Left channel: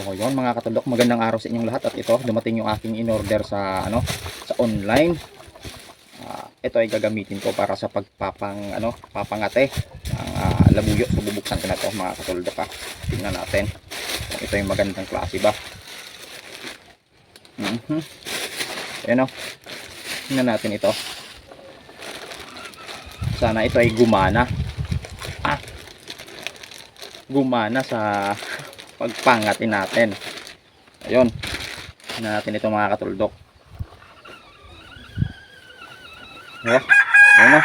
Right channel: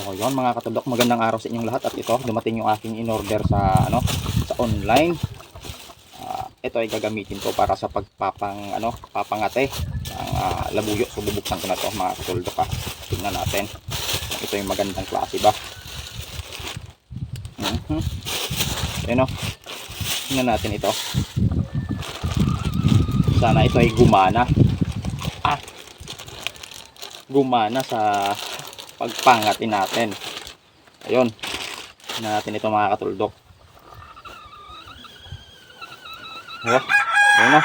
So yun mga kataldok, magandang araw sa inyong lahat. At ito, dumating yung aking in-order sa sa online. Ito ay gagamitin ko para sa papangate ng labuyo. So bubuksan ko na ito mga kataldok. Tingnan natin kung ito yung magandang klase ba. Ayan o, tingnan natin ito. Sana ito ay gumana. Gumana sa pagpangatin natin. Ayun, tingnan natin ito mga katuldok. Ayan o,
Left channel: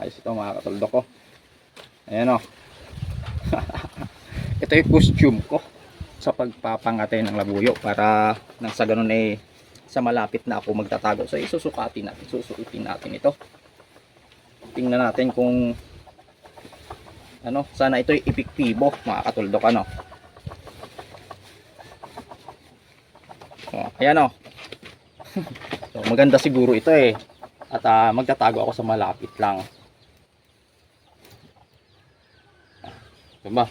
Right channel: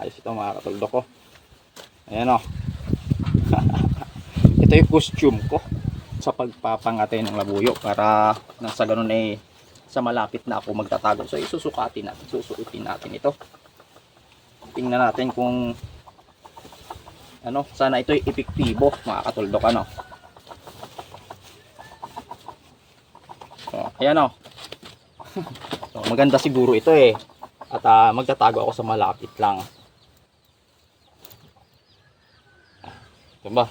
ayos ito mga katuldok ko. Ayan o. Ito yung costume ko sa pagpapangate ng labuyo, para nang sa ganun ay sa malapit na ako magtatago. So susukatin natin ito. Tingnan natin kung sana ito'y epektibo mga katuldok. So ayan o. So maganda siguro ito at magtatago ako sa malapit lang, diba?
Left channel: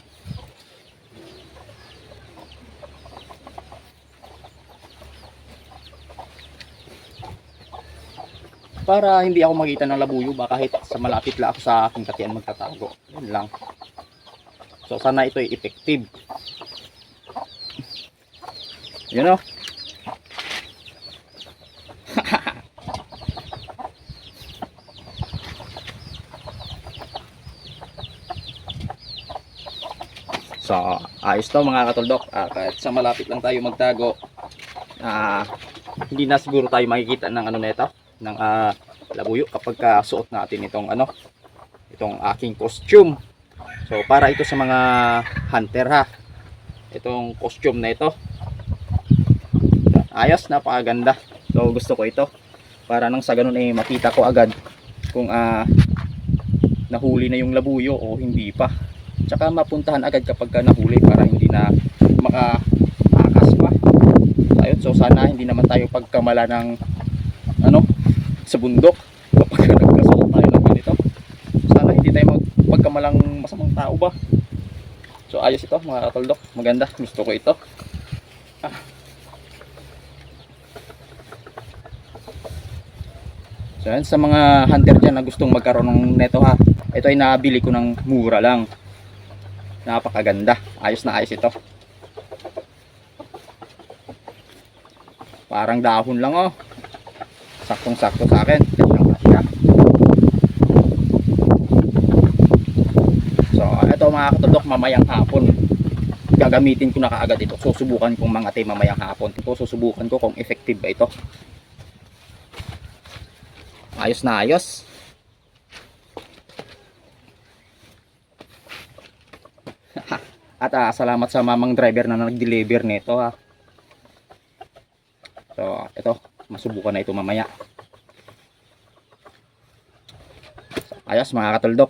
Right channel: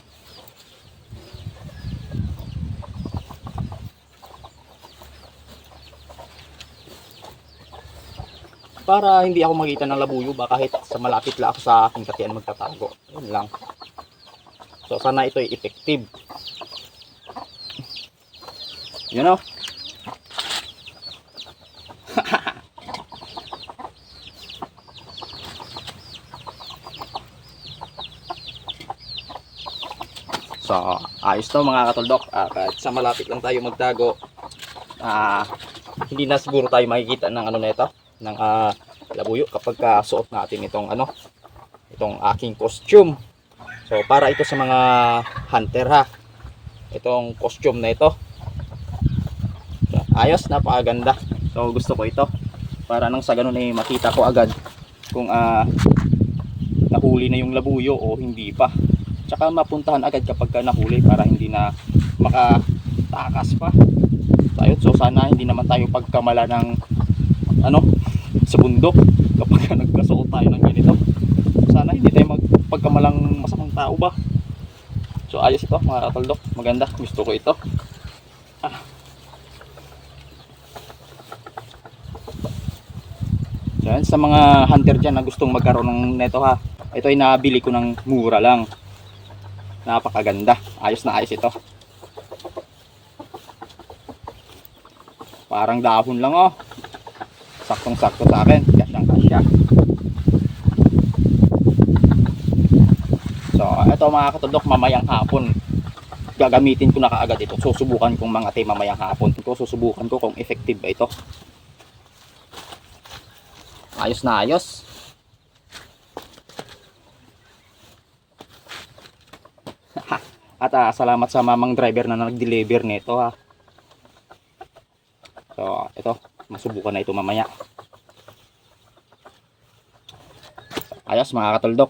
Para hindi ako makita ng labuyo ba, kahit sa malapit lang ako sa aking katian magtatago. Yun lang. So sana ito ay effective. You know? So ayos to mga katuldok. Kahit sa malapit lang tayo magtago, hindi na siguro tayo makikita ng nito, ng labuyo kapag suot natin itong aking costume. So para ito sa mga hunter itong costume na ito. Ayos, napakaganda. So gusto ko ito para nang sa ganun makita ko agad kung nahuli na yung labuyo o hindi pa. Tsaka mapuntahan agad kapag nahuli, para hindi na makatakas pa. Ayun, so sana hindi naman tayo pagkamala ng sa bundok kapag nagkasuot tayo ng ganito. Sana hindi tayo pagkamalang masamang tao ba. So ayos ito mga kataldok, maganda, gusto ko ito. So yan, sa mga hunter dyan na gustong magkaroon ng neto ito ay nabili ko ng mura lang. Napakaganda, ayos na ayos ito. Parang dahon lang saktong sakto sa akin. So ito mga katudok, mamayang hapon gagamitin ko na kaagad ito. Susubukan kong mangate mamayang hapon. Susubukan ko kung effective ba ito. Ayos na ayos. At salamat sa mamang driver na nag-deliver nito So ito, masubukan na ito mamaya. Ayos mga katuldok.